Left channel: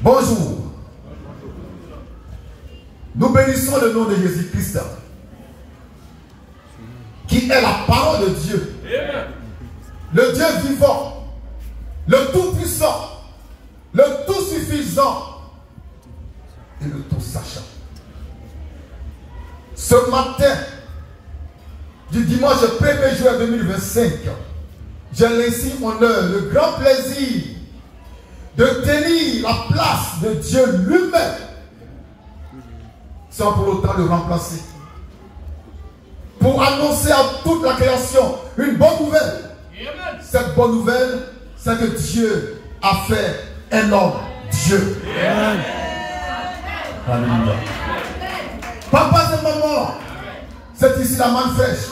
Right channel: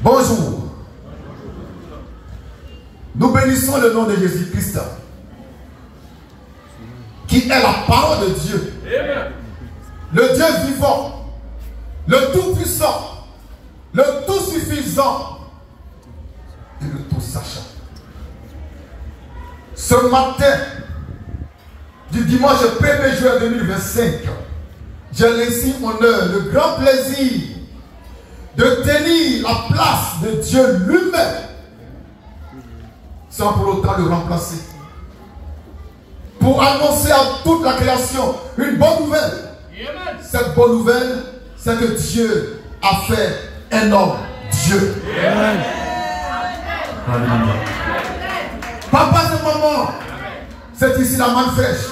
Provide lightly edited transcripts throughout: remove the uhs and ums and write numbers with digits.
Bonjour. Nous bénissons le nom de Jésus-Christ, qui est la parole de Dieu. Le Dieu vivant, le Tout-Puissant, le Tout-Suffisant et le Tout-Sachant. Ce matin du dimanche 1er juin 2025, j'ai laissé honneur, le grand plaisir de tenir la place de Dieu lui-même, sans pour autant le remplacer. Pour annoncer à toute la création une bonne nouvelle. Cette bonne nouvelle, c'est que Dieu a fait un homme, Dieu. Amen. Alléluia. Papa de maman, c'est ici la main fraîche.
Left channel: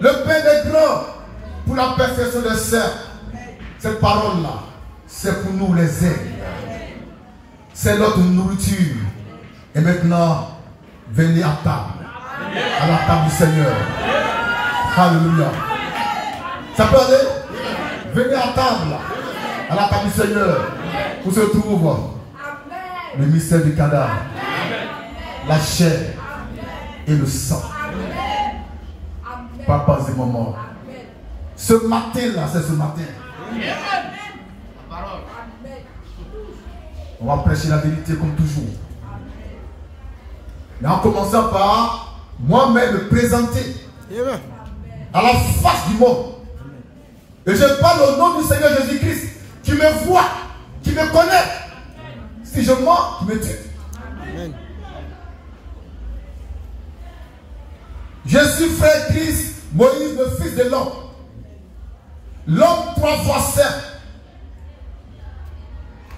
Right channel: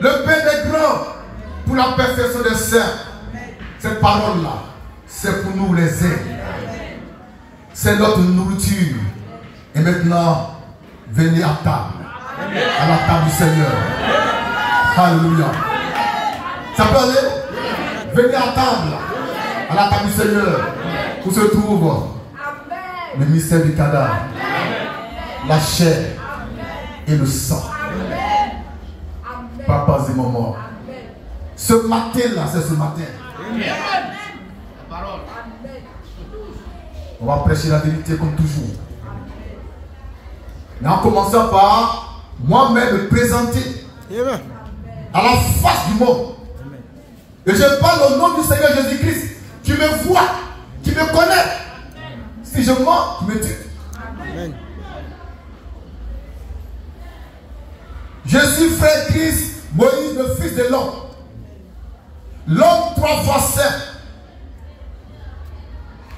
Le Père des grands pour la perfection des saints. Cette parole-là, c'est pour nous les aider. C'est notre nourriture. Et maintenant, venez à table. À la table du Seigneur. Alléluia. Ça peut aller? Venez à table. À la table du Seigneur. Où se trouve le mystère du cadavre, la chair et le sang. Papas et mamans. Ce matin-là, c'est ce matin. On va prêcher la vérité comme toujours. Mais en commençant par moi-même me présenter à la face du monde. Et je parle au nom du Seigneur Jésus-Christ qui me voit, qui me connaît. Si je mens, qui me tue. Amen. Je suis frère Christ, Moïse, le fils de l'homme. L'homme 3 fois saint.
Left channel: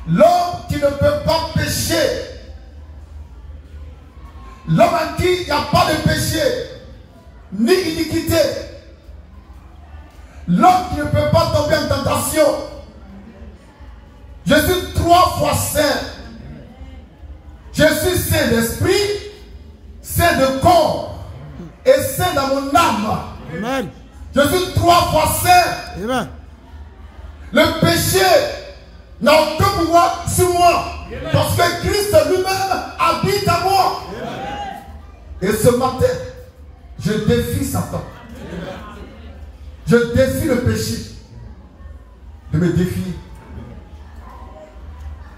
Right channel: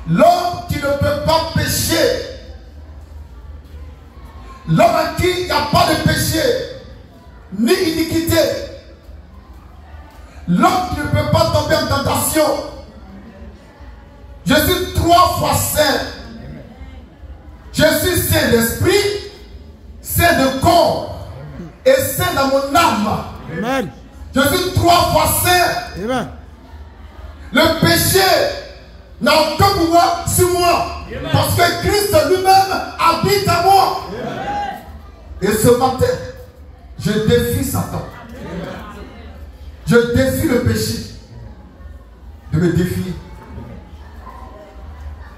L'homme qui ne peut pas pécher. L'homme à qui il n'y a pas de péché, ni iniquité. L'homme qui ne peut pas tomber en tentation. Je suis 3 fois saint. Je suis saint d'esprit, saint de corps et saint dans mon âme. Amen. Je suis 3 fois saint. Amen. Le péché n'a aucun pouvoir sur moi. Amen. Parce que Christ lui-même habite à moi. Amen. Et ce matin, je défie Satan. Amen. Je défie le péché de me défier.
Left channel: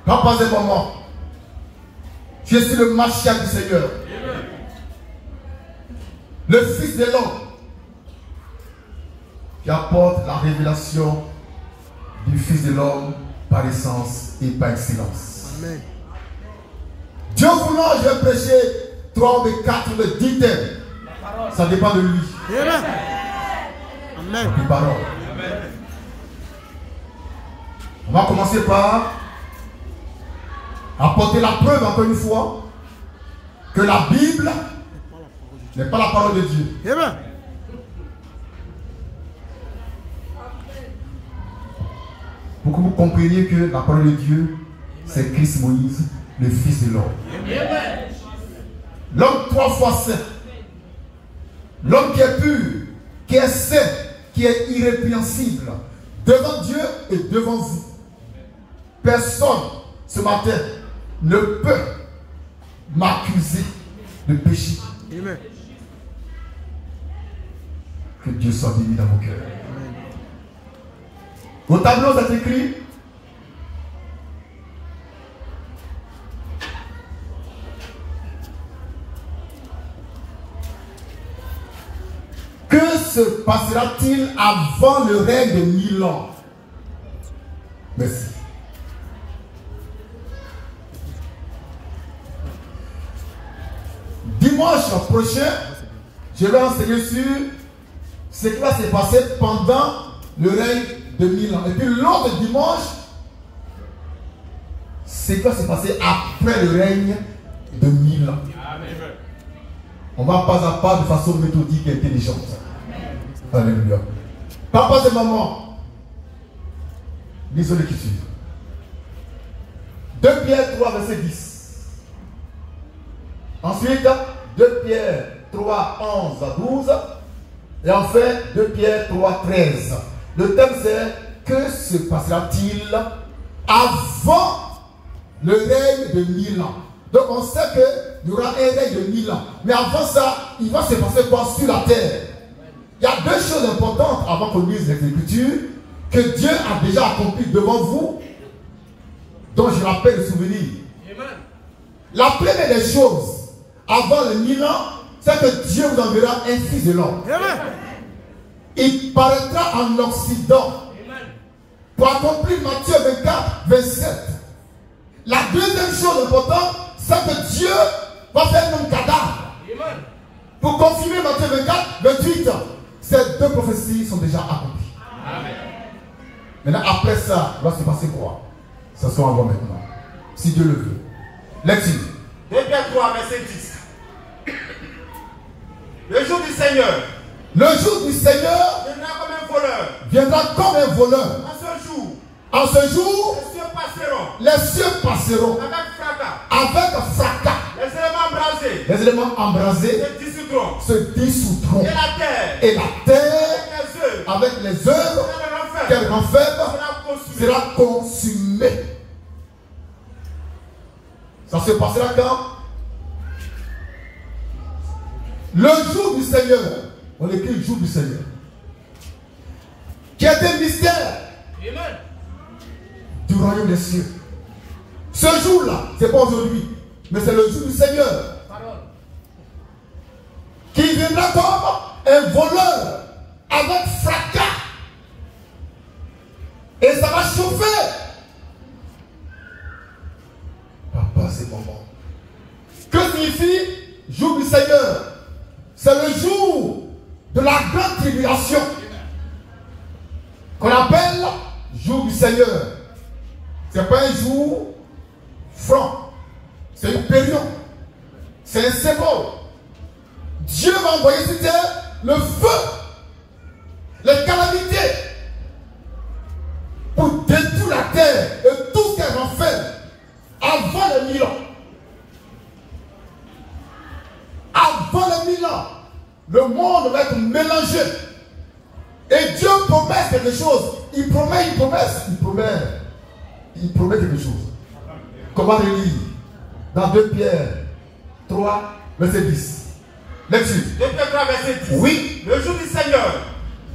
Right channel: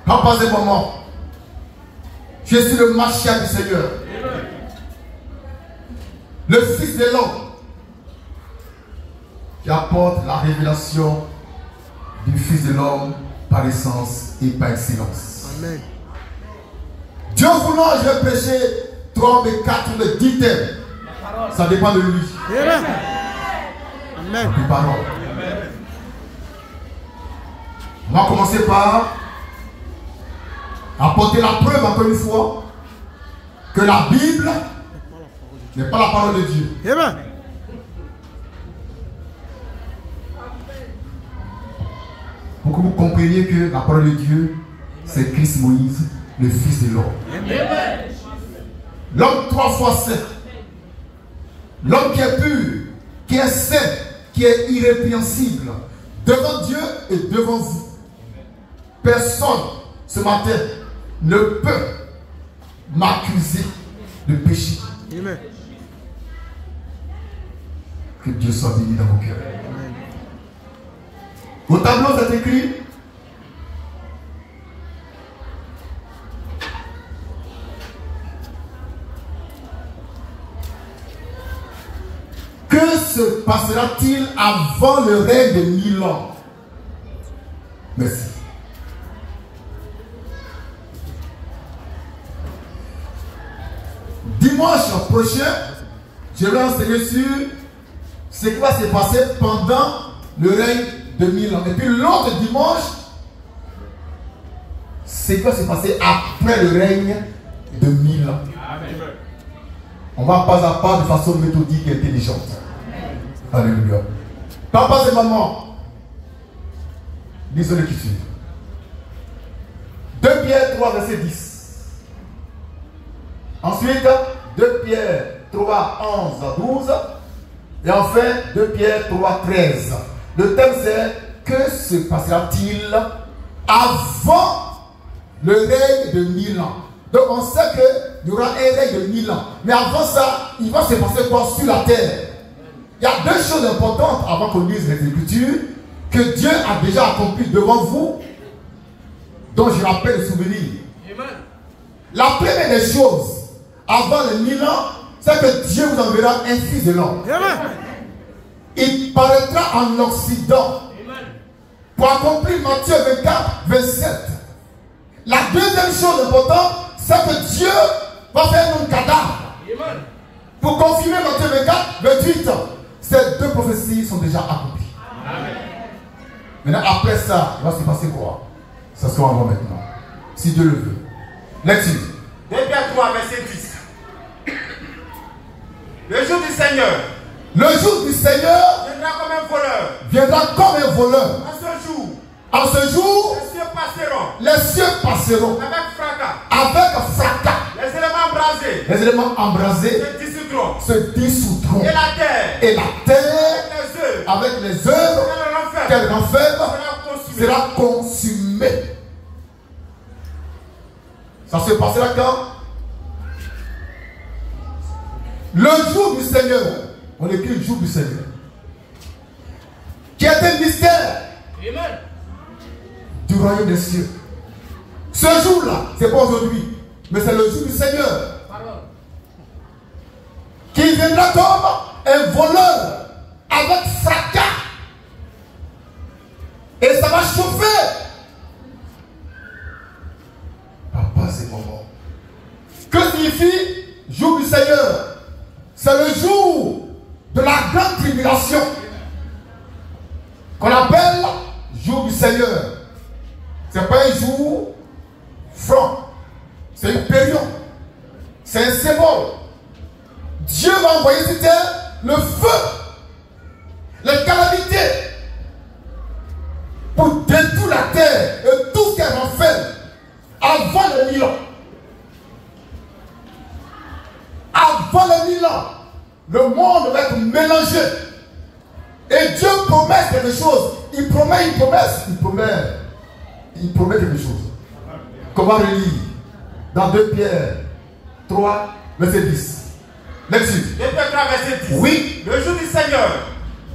Papa et maman, je suis le Mashiach du Seigneur. Amen. Le Fils de l'homme qui apporte la révélation du Fils de l'homme par essence et par excellence. Amen. Dieu voulant, je vais prêcher 3 ou 4 ou 10 thèmes. Ça dépend de lui. Amen. Amen. Amen. On va commencer par apporter la preuve encore une fois que la Bible n'est pas la parole de Dieu. Amen. Pour que vous compreniez que la parole de Dieu, c'est Christ Moïse, le Fils de l'homme. L'homme 3 fois saint. L'homme qui est pur, qui est saint, qui est irrépréhensible devant Dieu et devant vous. Personne ce matin ne peut m'accuser de péché. Amen. Que Dieu soit béni dans vos cœurs. Amen. Au tableau, c'est écrit que se passera-t-il avant le règne de 1000 ans? Merci. Dimanche prochain, je vais enseigner sur ce qui va se passer pendant le règne de 1000 ans. Et puis l'autre dimanche, ce qui va se passer après le règne de 1000 ans. On va pas à pas de façon méthodique et intelligente. Alléluia. Papa et maman, lisons l'écriture. 2 Pierre 3, verset 10. Ensuite, 2 Pierre 3, 11 à 12. Et enfin, 2 Pierre 3, 13. Le thème c'est: que se passera-t-il avant le règne de 1000 ans. Donc on sait qu'il y aura un règne de 1000 ans. Mais avant ça, il va se passer quoi sur la terre? Il y a deux choses importantes avant qu'on lise les Écritures que Dieu a déjà accompli devant vous, dont je rappelle le souvenir. La première des choses, avant les 1000 ans, c'est que Dieu vous enverra un fils de l'homme. Il paraîtra en Occident pour accomplir Matthieu 24, 27. La deuxième chose importante, c'est que Dieu va faire un cadavre. Pour confirmer Matthieu 24, 28. Ces deux prophéties sont déjà accomplies. Maintenant, après ça, il va se passer quoi? Ça sera avant maintenant. Si Dieu le veut. Lecture. 2 Pierre 3, verset 10. Le jour du Seigneur. Le jour du Seigneur viendra comme un voleur. Viendra comme un voleur. En ce jour, les cieux passeront. Les cieux passeront. Avec fracas. Avec fracas. Les éléments embrasés. Les éléments embrasés se dissoudront. Et la terre avec les œuvres qu'elle renferme sera consumée. Ça se passera quand? Le jour du Seigneur. On écrit le jour du Seigneur. Qui est un mystère. Amen. Du royaume des cieux. Ce jour-là, c'est pas aujourd'hui, mais c'est le jour du Seigneur. Qui viendra comme un voleur avec fracas. Et ça va chauffer. Papa, c'est bon. Que signifie jour du Seigneur? C'est le jour de la grande tribulation qu'on appelle jour du Seigneur. Ce n'est pas un jour franc, c'est une période, c'est un symbole. Dieu va envoyer sur terre le feu, les calamités pour détruire la terre et tout ce qu'elle va faire avant le 1000 ans. Avant le 1000 ans, le monde va être mélangé. Et Dieu promet quelque chose. Il promet une promesse. Il promet quelque chose. Comment relire? Dans 2 Pierre 3, verset 10. Lecture. 2 Pierre 3, verset 10. Oui. Le jour du Seigneur.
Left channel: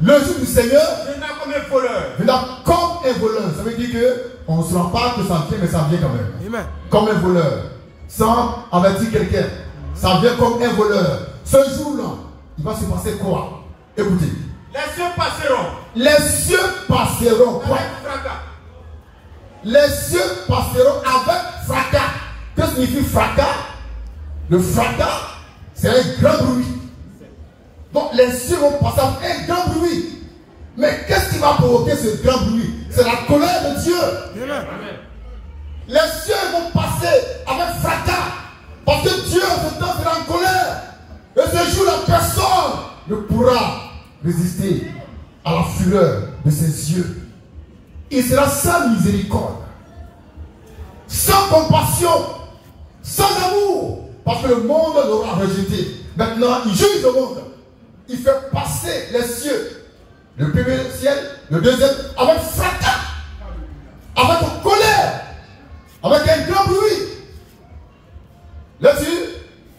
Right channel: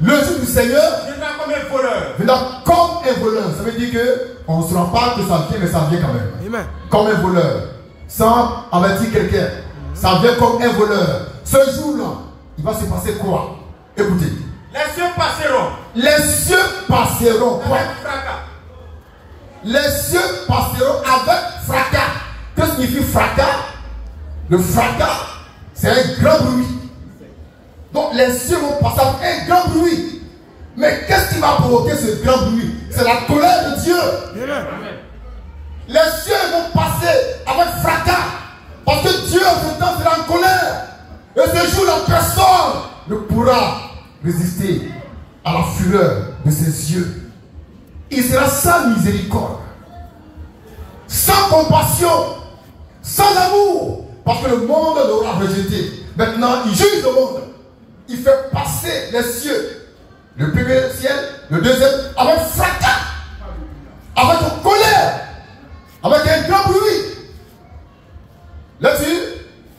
Le jour du Seigneur viendra comme un voleur. Viendra comme un voleur. Ça veut dire qu'on ne se rend pas que ça vient, mais ça vient quand même. Amen. Comme un voleur. Sans avertir quelqu'un. Ça vient comme un voleur. Ce jour-là, il va se passer quoi? Écoutez. Les cieux passeront. Les cieux passeront. Avec fracas. Les cieux passeront avec fracas. Que signifie fracas? Le fracas, c'est un grand bruit. Donc les cieux vont passer avec un grand bruit. Mais qu'est-ce qui va provoquer ce grand bruit? C'est la colère de Dieu. Amen. Les cieux vont passer avec fracas. Parce que Dieu, en ce temps, sera en colère. Et ce jour, la personne ne pourra résister à la fureur de ses yeux. Il sera sans miséricorde, sans compassion, sans amour, parce que le monde l'aura rejeté. Maintenant, il juge le monde. Il fait passer les cieux, le premier ciel, le deuxième, avec fracas, avec colère, avec un grand bruit. Là-dessus,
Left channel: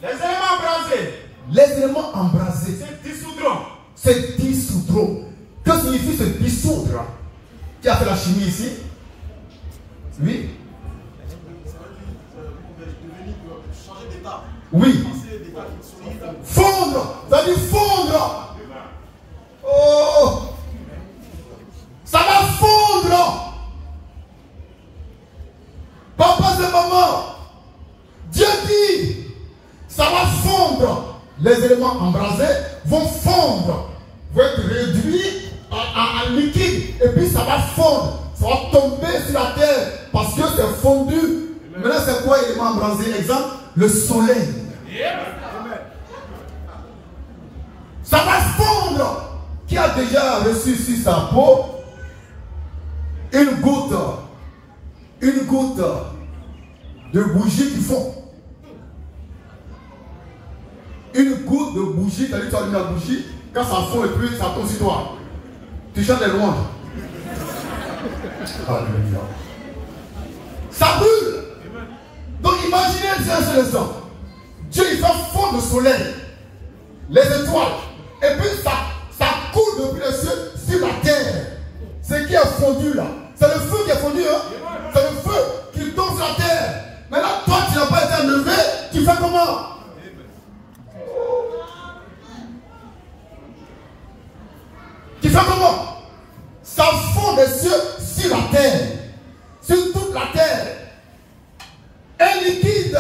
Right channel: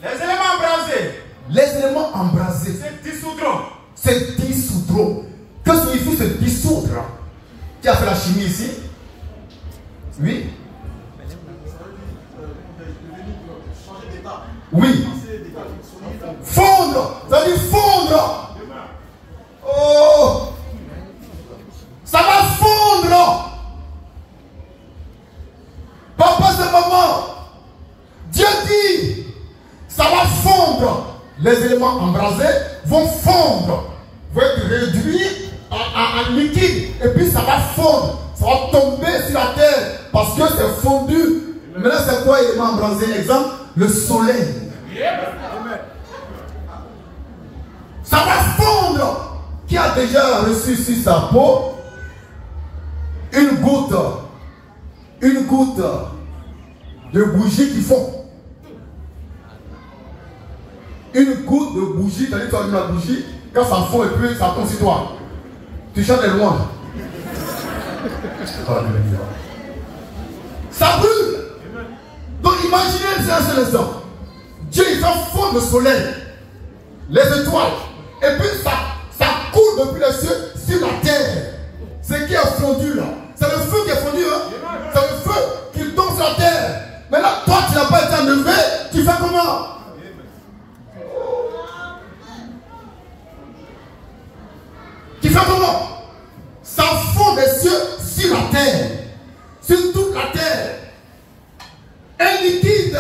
les éléments embrasés. Les éléments embrasés se dissoudront. Se dissoudront. Que signifie se dissoudre? Qui a fait la chimie ici? Oui. Oui. Fondre. Ça veut dire fondre. Oh. Ça va fondre. Papa et maman. Dieu dit, ça va fondre. Les éléments embrasés vont fondre, vont être réduits en liquide, et puis ça va fondre, ça va tomber sur la terre, parce que c'est fondu. Maintenant, c'est quoi l'élément embrasé? Exemple, le soleil. Ça va fondre. Qui a déjà reçu sur sa peau une goutte de bougie qui fond? Une goutte de bougie, quand tu allumes la bougie, quand ça fond et puis ça tombe sur toi, tu chantes les louanges. Ça brûle. un instant. Dieu il fait fondre le soleil, les étoiles, et puis ça coule depuis les cieux sur la terre. Ce qui est fondu là, c'est le feu qui est fondu, hein? C'est le feu qui tombe sur la terre. Mais là, toi tu n'as pas été enlevé, tu fais comment? Tu fais comment? Ça fond des cieux sur la terre, sur toute la terre. Un liquide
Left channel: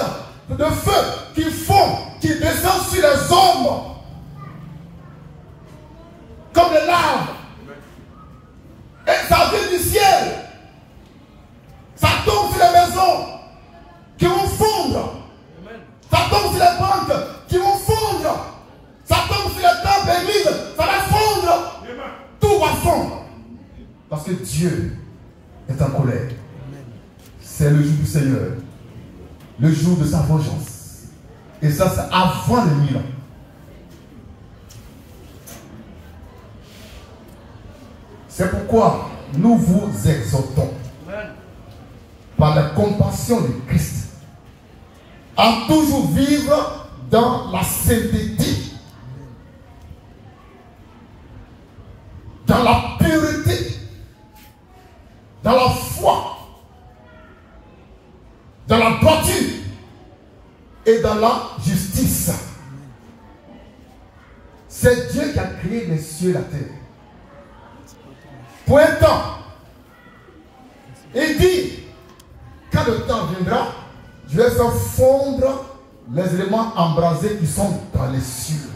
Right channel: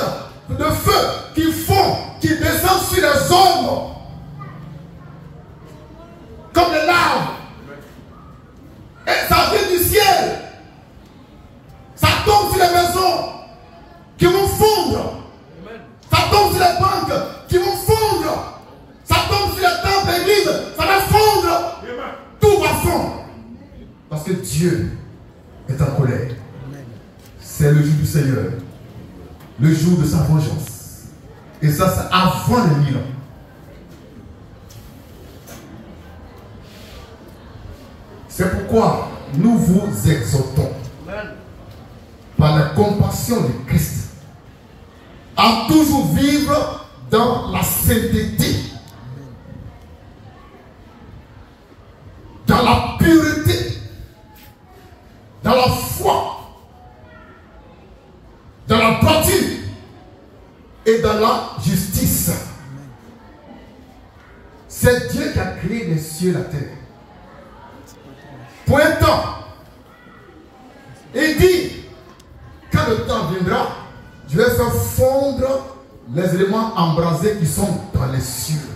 de feu qui fond, qui descend sur les hommes, comme les larves. Et ça vient du ciel. Ça tombe sur les maisons qui vont fondre. Ça tombe sur les banques qui vont fondre. Ça tombe sur les temples, l'église, ça va fondre. Tout va fondre. Parce que Dieu est en colère. C'est le jour du Seigneur. Le jour de sa vengeance. Et ça, c'est avant les 1000 ans. C'est pourquoi nous vous exhortons, par la compassion de Christ, à toujours vivre dans la sainteté, dans la pureté, dans la foi, dans la droiture et dans la justice. C'est Dieu qui a créé les cieux et la terre. Pointant, il dit, quand le temps viendra, je vais faire fondre les éléments embrasés qui sont dans les cieux.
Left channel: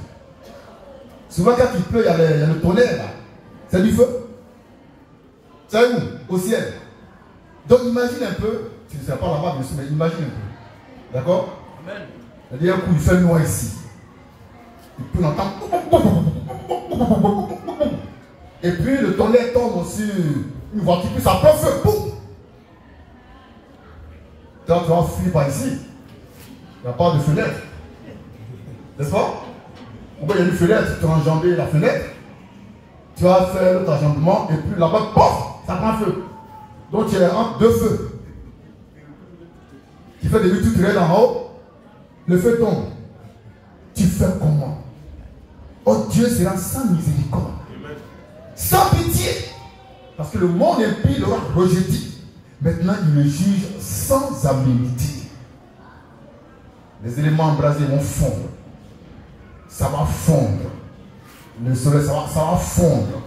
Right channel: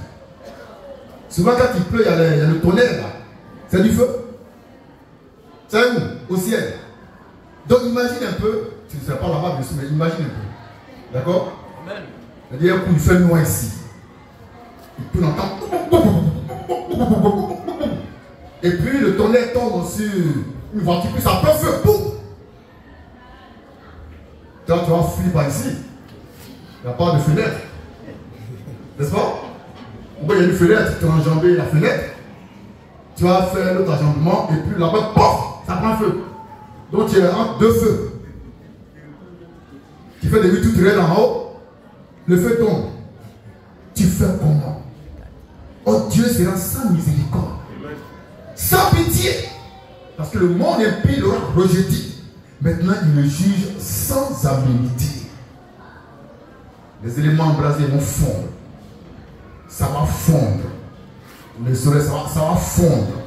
Souvent quand il pleut, il y a le tonnerre là. C'est du feu. C'est où? Au ciel. Donc imagine un peu, tu ne seras pas là-bas dessus, mais imagine un peu. D'accord? C'est-à-dire un coup, il fait noir ici. Et puis on entend. Et puis le tonnerre tombe sur une voiture, puis ça prend feu. Boum! Quand tu vas fuir par ici, il n'y a pas de fenêtre. N'est-ce pas? Il y a une fenêtre, tu as enjambé la fenêtre. Tu vas faire l'autre enjambement, et puis là-bas, pof, ça prend feu. Donc tu es entre deux feux. Tu fais des vues tout en haut, le feu tombe. Tu fais comment? Oh, Dieu sera sans miséricorde, sans pitié, parce que le monde impie l'aura rejeté. Maintenant, il le juge sans aménité. Les éléments embrasés vont fondre. Ça va fondre. Le soleil, ça va fondre.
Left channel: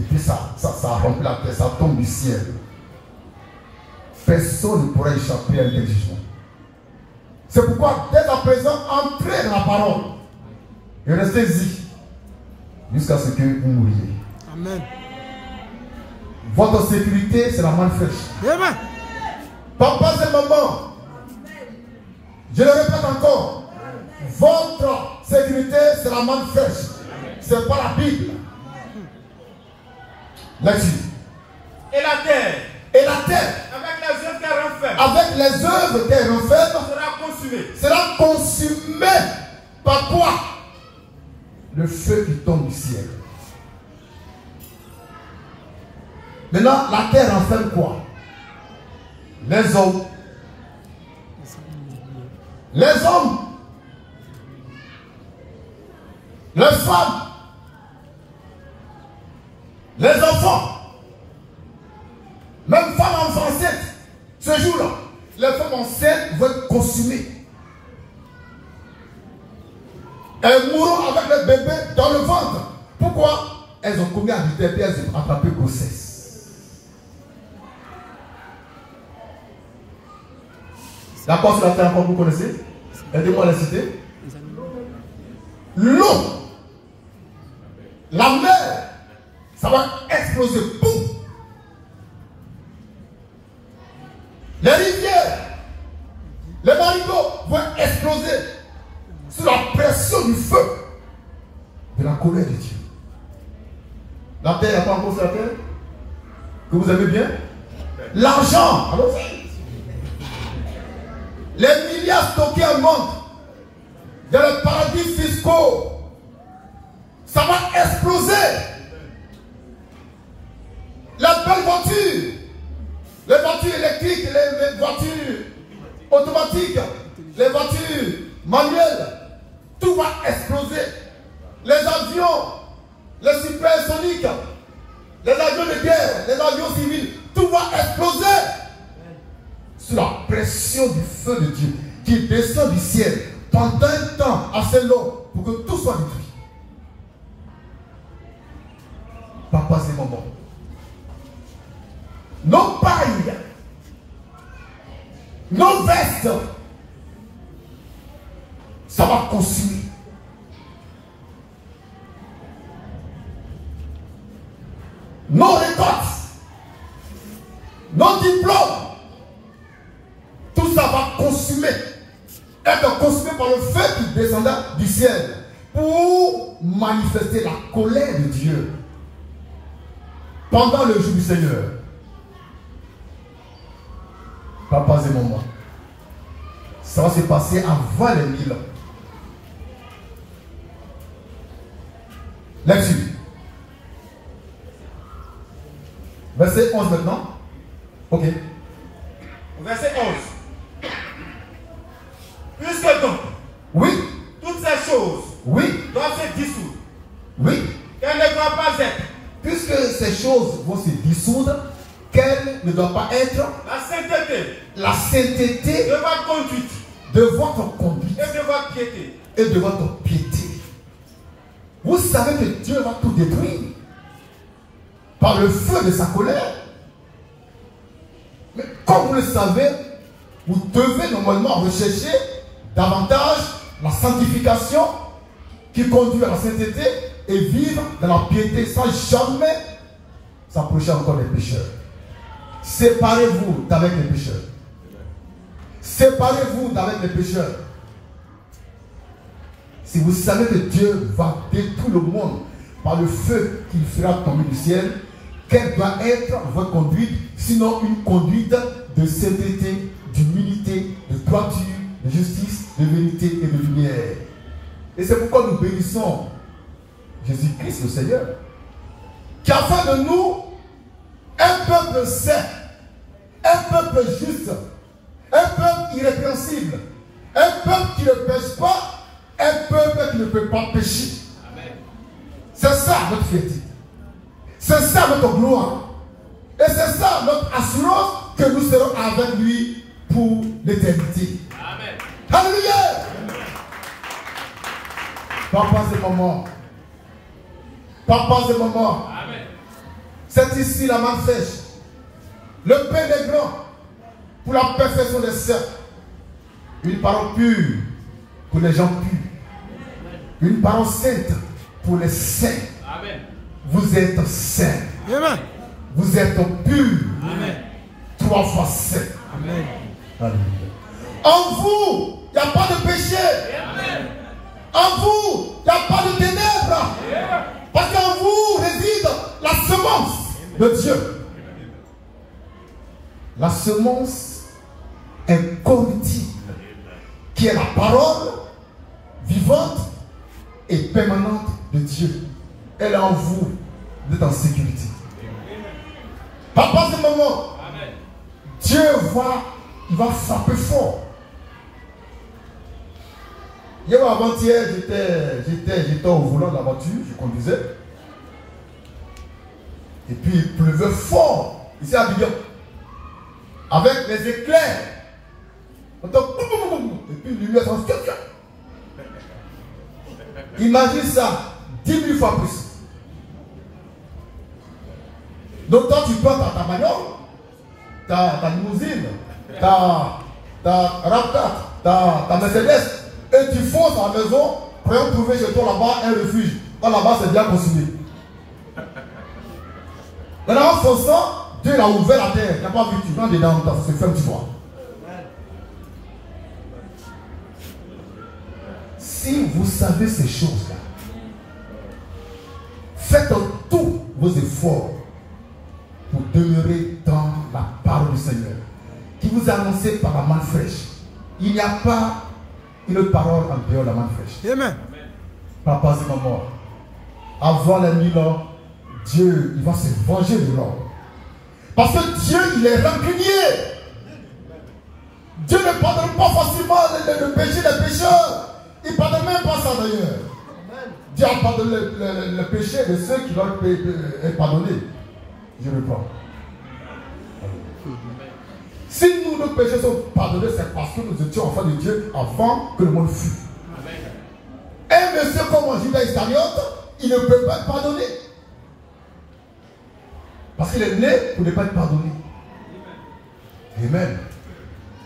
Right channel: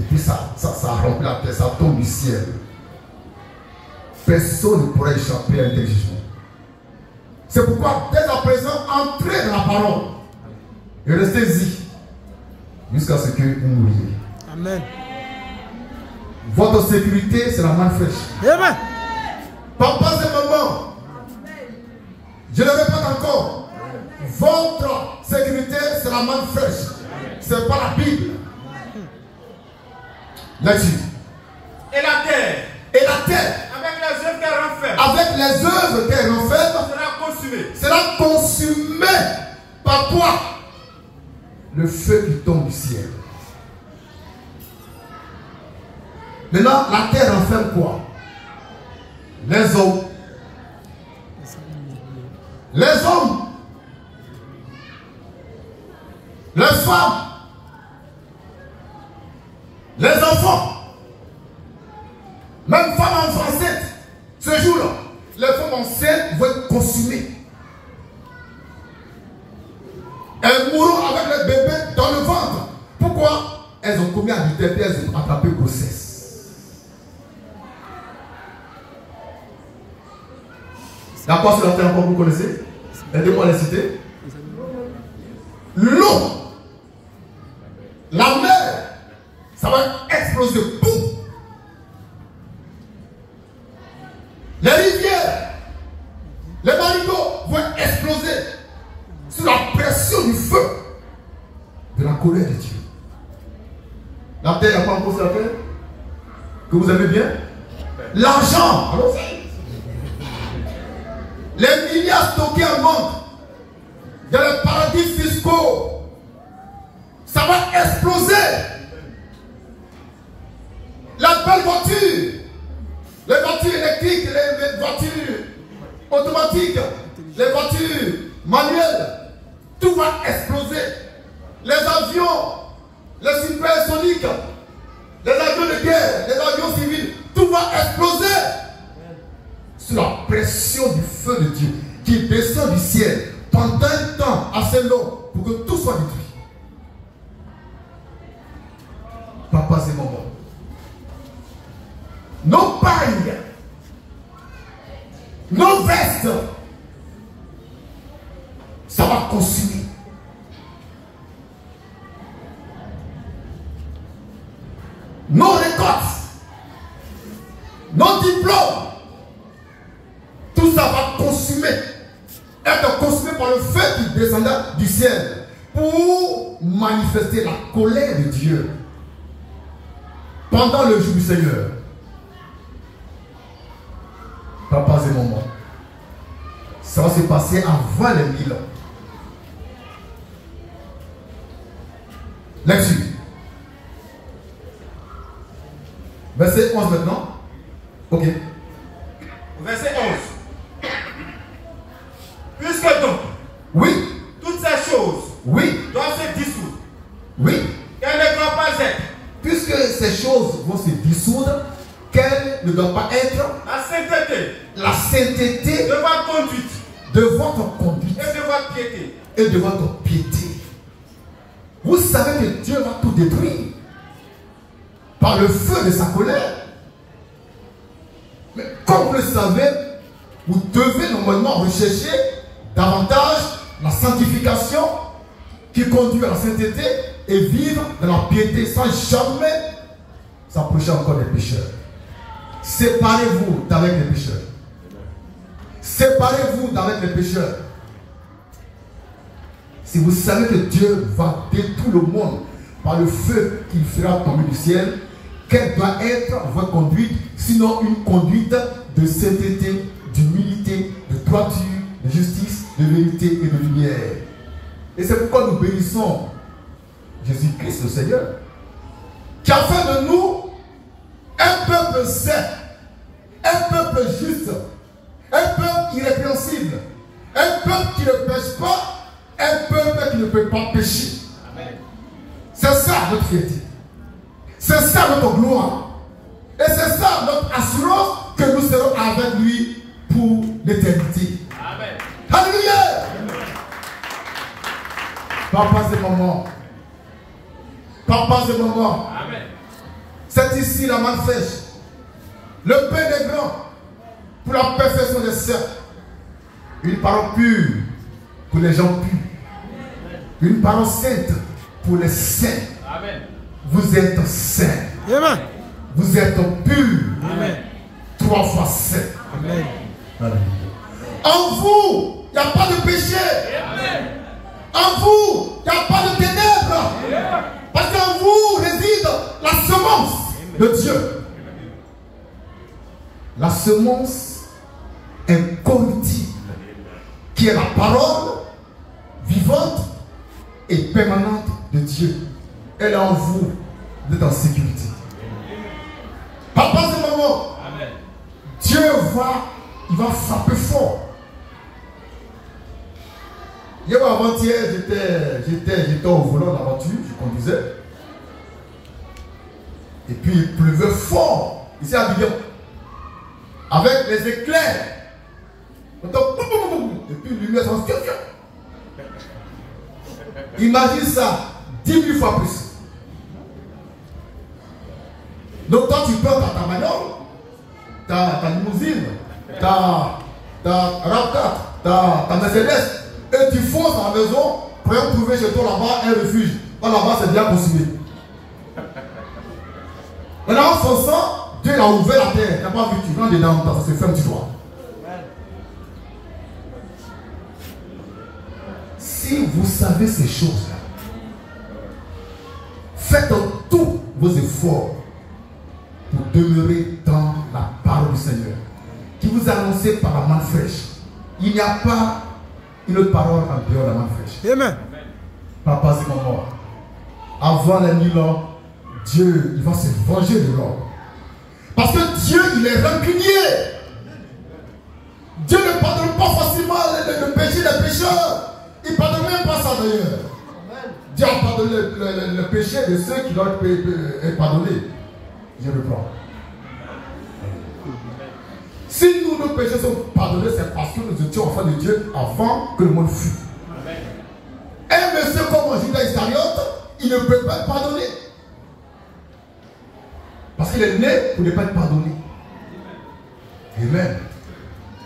Et puis ça remplit la terre, ça tombe du ciel. Personne ne pourra échapper à l'intelligence. C'est pourquoi, dès à présent, entrez dans la parole. Et restez-y. Jusqu'à ce que vous mouriez. Amen. Votre sécurité, c'est la main fraîche. Amen. Papa, c'est maman. Je le répète encore. Votre sécurité, c'est la main fraîche. C'est pas la Bible. Là-dessus. Et la terre. Et la terre. Avec les œuvres qu'elle renferme. Avec les œuvres qu'elle renferme. Sera consumée. Sera consumée. Par quoi? Le feu qui tombe du ciel. Maintenant, la terre renferme quoi? Les hommes. Les hommes. Les femmes. Les enfants. Même femmes enceintes. Ce jour-là, les femmes enceintes vont être consumées. Elles mourront avec le bébé dans le ventre. Pourquoi? Elles ont commis adultère et elles ont attrapé grossesse. La quoi sur la terre encore vous connaissez? Aidez-moi à la citer. L'eau, la mer, ça va exploser. Boum! Les rivières, les marigots vont exploser sous la pression du feu de la colère de Dieu. La terre, il n'y a pas encore sur la terre? Que vous aimez bien? L'argent, allons-y. Les milliards stockés en manque dans les paradis fiscaux, ça va exploser. La belle voiture, les voitures électriques, les voitures automatiques, les voitures manuelles, tout va exploser. Les avions, les supersoniques, les avions de guerre, les avions civils, tout va exploser sous la pression du feu de Dieu qui descend du ciel pendant un temps assez long pour que tout soit détruit. Papa, c'est maman. Nos pailles, nos vestes, ça va consumer. Nos récoltes, nos diplômes, tout ça va consumer, être consumé par le feu qui descendra du ciel pour manifester la colère de Dieu pendant le jour du Seigneur. Papas et mamans, ça va se passer avant les 1000 ans. Là-dessus. Verset 11 maintenant. Ok. Verset 11. Puisque donc, oui, toutes ces choses, oui, doivent se dissoudre. Oui. Qu'elles ne doivent pas être. Puisque ces choses vont se dissoudre, qu'elles ne doivent pas être. La sainteté. La sainteté de votre conduite. De votre conduite. Et de votre piété. Et de votre piété. Vous savez que Dieu va tout détruire par le feu de sa colère. Mais comme vous le savez, vous devez normalement rechercher davantage la sanctification qui conduit à la sainteté et vivre dans la piété sans jamais s'approcher encore des pécheurs. Séparez-vous d'avec les pécheurs. Séparez-vous d'avec les pécheurs. Si vous savez que Dieu va détruire le monde par le feu qu'il fera tomber du ciel, quelle doit être votre conduite, sinon une conduite de sainteté, d'humilité, de droiture, de justice, de vérité et de lumière. Et c'est pourquoi nous bénissons Jésus-Christ le Seigneur, qui a fait de nous un peuple saint, un peuple juste, un peuple irrépréhensible, un peuple qui ne pêche pas, un peuple qui ne peut pas pécher. C'est ça notre fierté. C'est ça notre gloire. Et c'est ça notre assurance que nous serons avec lui pour l'éternité. Amen. Alléluia. Papa et maman. Papa et maman. Amen. C'est ici la main fraîche. Le pain des grands pour la perfection des saints. Une parole pure pour les gens purs. Une parole sainte pour les saints. Amen. Vous êtes saints. Amen. Vous êtes purs. Amen. 3 fois saints. Amen. Amen. En vous, il n'y a pas de péché. Amen. En vous, il n'y a pas de ténèbres. Amen. Parce qu'en vous réside la semence de Dieu. La semence incorruptible, qui est la parole vivante et permanente de Dieu. Elle est en vous, vous êtes en sécurité. Papa et maman, Dieu il va frapper fort. Hier avant-hier, j'étais au volant de la voiture, je conduisais. Et puis il pleuvait fort, ici à Abidjan. Avec les éclairs. Et puis une lumière s'en fait. Imagine ça, 10 000 fois plus. Donc toi tu prends ta bagnole, ta limousine, ta RAV4, ta Mercedes, et tu fonces à la maison pour trouver chez toi là-bas un refuge. Là-bas c'est bien consumé. Maintenant en fonçant, Dieu a ouvert la terre, tu n'as pas vu, tu rentres dedans, ça se ferme, tu vois. Si vous savez ces choses-là, faites tous vos efforts pour demeurer dans la parole du Seigneur, qui vous a annoncé par la main fraîche. Il n'y a pas une parole en dehors de la main fraîche. Amen. Papa et maman, avant les 1000 ans, Dieu, il va se venger de l'homme. Parce que Dieu, il est rancunier. Dieu ne pardonne pas facilement le péché des pécheurs. Il ne pardonne même pas ça d'ailleurs. Dieu a pardonné le péché de ceux qui doivent être pardonnés. Je reprends. Si nous, nos péchés sont pardonnés, c'est parce que nous étions enfants de Dieu avant que le monde fût. Un monsieur comme Judas Iscariote, il ne peut pas être pardonné. Parce qu'il est né pour ne pas être pardonné. Amen.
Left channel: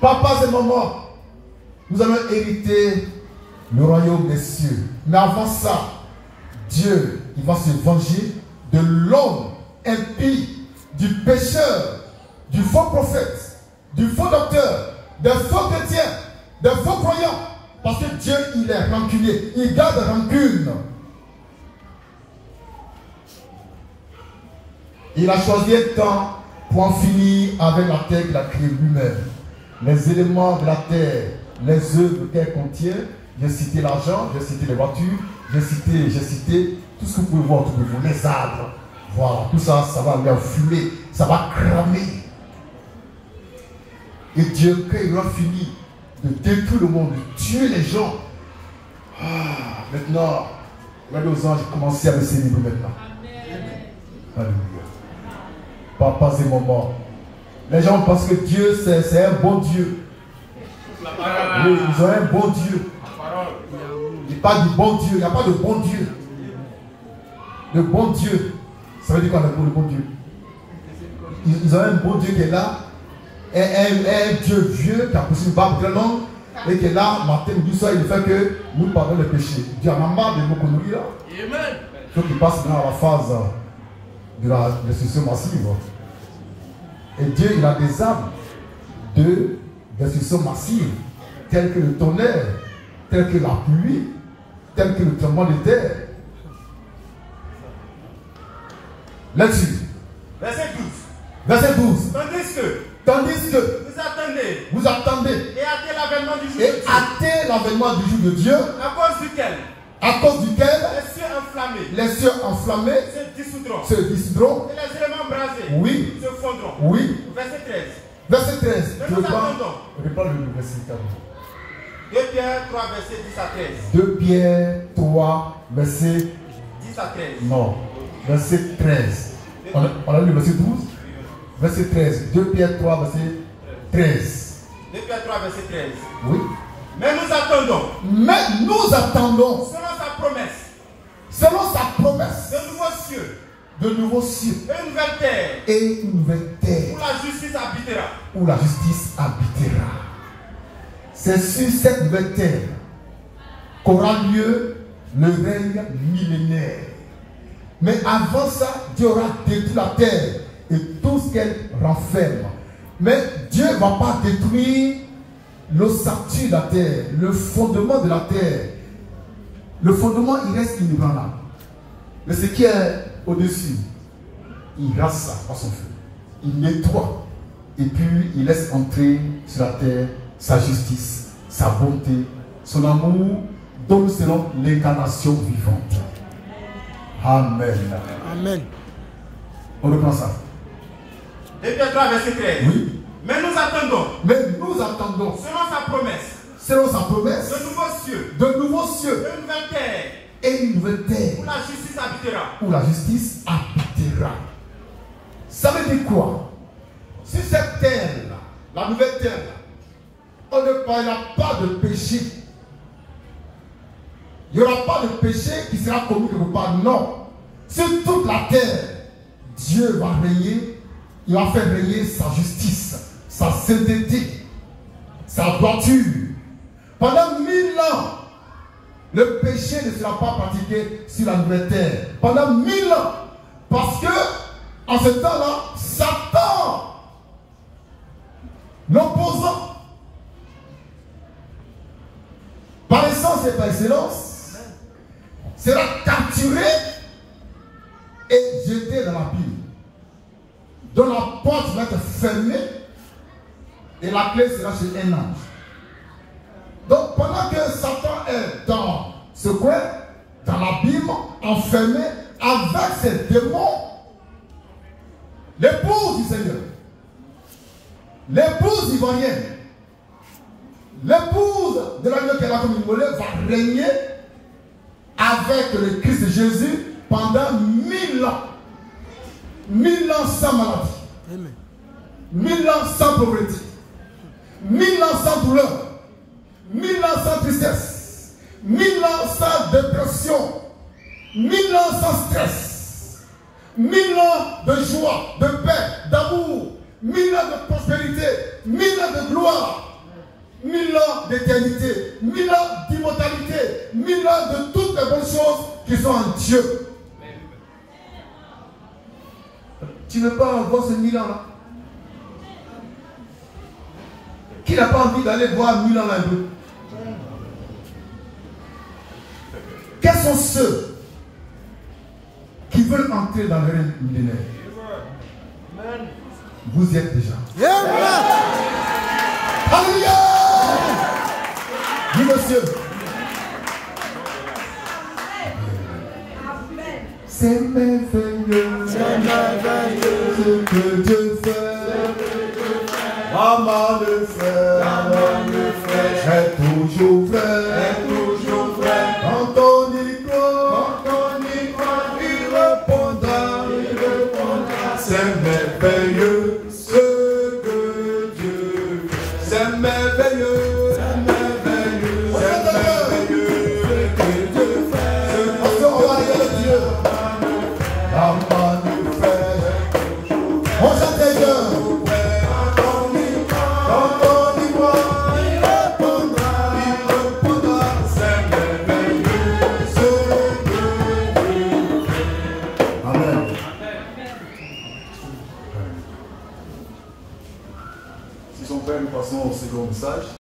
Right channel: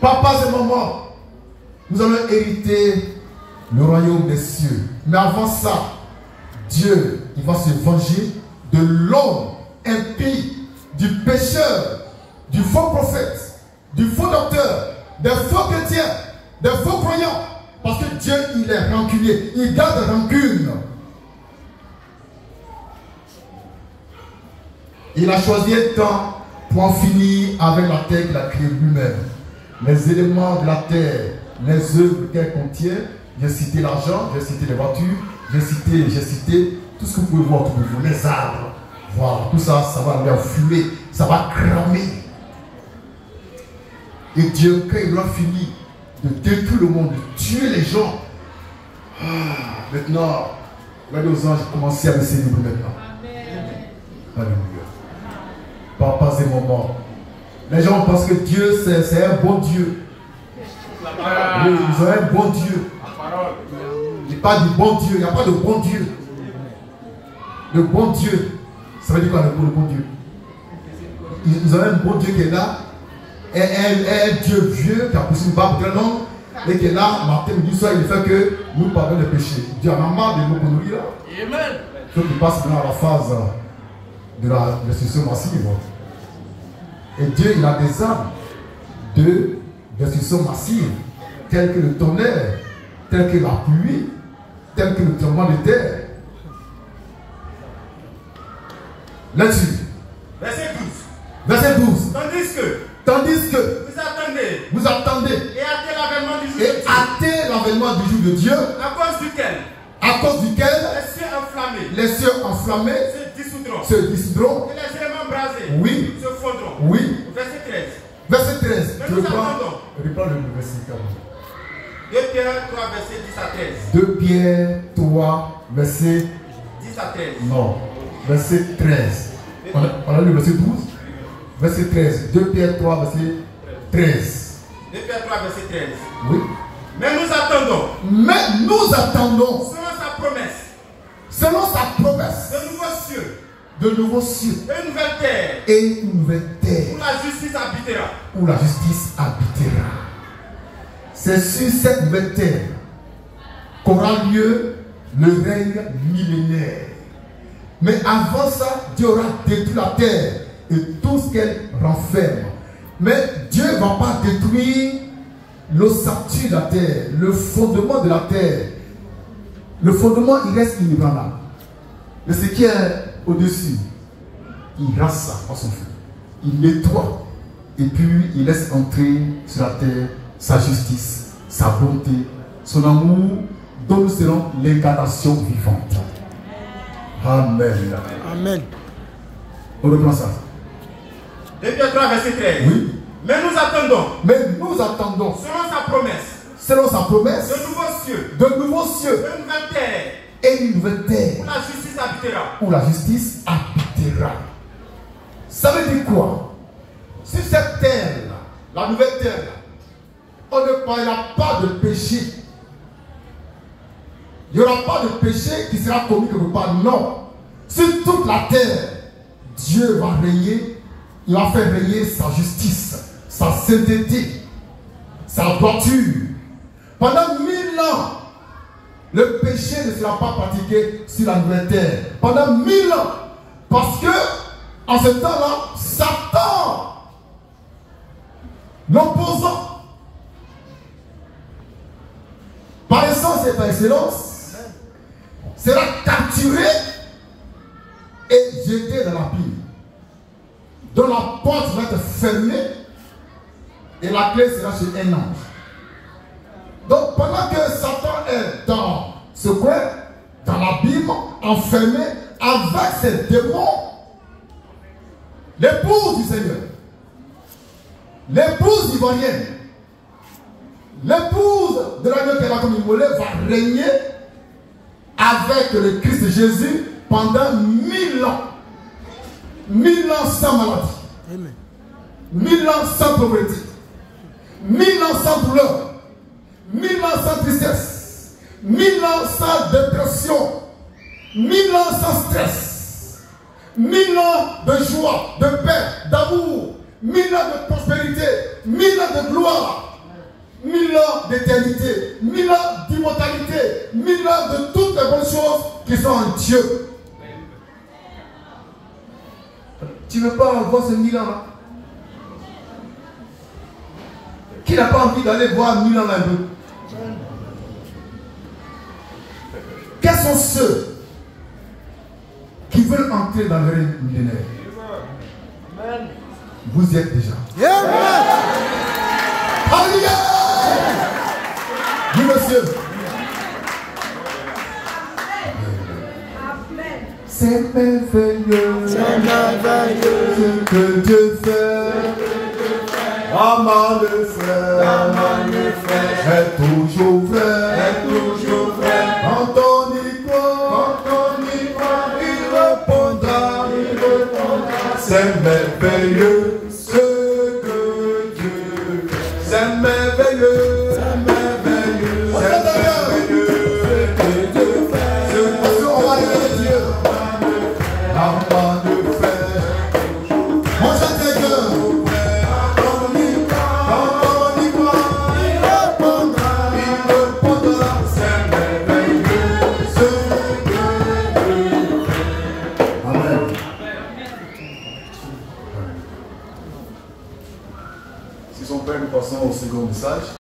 Papa et maman, nous allons hériter le royaume des cieux. Mais avant ça, Dieu, il va se venger de l'homme impie, du pécheur, du faux prophète, du faux docteur, des faux chrétiens, des faux croyants. Parce que Dieu, il est rancunier, il garde rancune. Il a choisi un temps pour en finir avec la terre qu'il a créée lui-même. Les éléments de la terre, les œuvres qu'elle contient. J'ai cité l'argent, j'ai cité les voitures, j'ai cité tout ce que vous pouvez voir, les arbres. Voilà, tout ça, ça va aller en fumée, ça va cramer. Et Dieu, quand il aura fini de détruire le monde, de tuer les gens, maintenant, regardez aux anges commencer à me célébrer maintenant. Amen. Alléluia. Papas et mamans, les gens pensent que Dieu, c'est un bon Dieu. Oui, ils ont un bon Dieu. Il parle du bon Dieu, il n'y a pas de bon Dieu. Le bon Dieu, ça veut dire quoi le bon Dieu? Ils ont un bon Dieu qui est là, un Dieu vieux qui a poussé une barbe très longue et qui est là, matin, midi, soir, il fait que nous pardonnons les péchés. Dieu en a marre de nous conduire là. Amen. Ceux qui passent maintenant à la phase de la destruction massive. Et Dieu, il a des âmes de destruction massive, telles que le tonnerre, telles que la pluie, telles que le tremblement de terre. Là-dessus. Verset 12. Verset 12. Tandis que vous attendez et hâtez l'avènement du jour de Dieu. Hâtez l'avènement du jour de Dieu. À cause duquel les cieux enflammés se dissoudront. Et les éléments brasés oui. se fondront. Oui. Verset 13. Verset 13. Je reprends le verset 13. 2 Pierre 3, verset 10 à 13. 2 Pierre 3, verset 10 à 13. Non, verset 13. On a lu verset 12. Verset 13. 2 Pierre 3, verset 13. 2 Pierre 3, verset 13. Oui. Mais nous attendons. Selon sa promesse. De nouveaux cieux. Et une nouvelle terre. Où la justice habitera. C'est sur cette nouvelle terre qu'aura lieu le règne millénaire. Mais avant ça, Dieu aura détruit la terre et tout ce qu'elle renferme. Mais Dieu ne va pas détruire l'ossature de la terre, le fondement de la terre. Le fondement, il reste inébranlable. Mais ce qui est au-dessus, il rase ça à son feu. Il nettoie. Et puis, il laisse entrer sur la terre sa justice, sa bonté, son amour, dont nous serons l'incarnation vivante. Amen. Amen. On reprend ça. 2 Pierre 3, verset 13. Oui. Mais nous attendons. Selon sa promesse. De nouveaux cieux. De une nouvelle terre. Et une nouvelle terre. Où la justice habitera. Ça veut dire quoi? Si cette terre-là, la nouvelle terre-là, on ne parlera pas de péché. Il n'y aura pas de péché qui sera commis quelque part. Non. Sur toute la terre, Dieu va régner. Il va faire régner sa justice, sa sainteté, sa droiture. Pendant 1000 ans, le péché ne sera pas pratiqué sur la nouvelle terre. Pendant 1000 ans. Parce que, en ce temps-là, Satan, l'opposant, par essence et par excellence, sera capturé et jeté dans la pile. Dont la porte va être fermée et la clé sera chez un ange. Donc pendant que Satan est dans ce coin, dans l'abîme, enfermé avec ses démons, l'épouse du Seigneur, l'épouse ivoirienne, l'épouse de l'agneau qu'elle a comme immolé va régner avec le Christ Jésus pendant 1000 ans. 1000 ans sans maladie. Amen. 1000 ans sans pauvreté. 1000 ans sans douleur. 1000 ans sans tristesse. 1000 ans sans dépression. 1000 ans sans stress. 1000 ans de joie, de paix, d'amour. 1000 ans de prospérité. 1000 ans de gloire. 1000 ans d'éternité. 1000 ans d'immortalité. 1000 ans de toutes les bonnes choses qui sont en Dieu. Tu ne veux pas avoir ces 1000 ans là? Qui n'a pas envie d'aller voir 1000 ans là un peu? Quels sont ceux qui veulent entrer dans le règne millénaire? Vous y êtes déjà. Alléluia! Oui, monsieur. C'est merveilleux, ce que Dieu fait. Aman le frère, est toujours vrai, Quand on y croit, il répondra, c'est merveilleux ce que Dieu fait. C'est merveilleux, c'est merveilleux ce que Dieu fait. Aman le frère, on chante les deux. Nous passons au second message.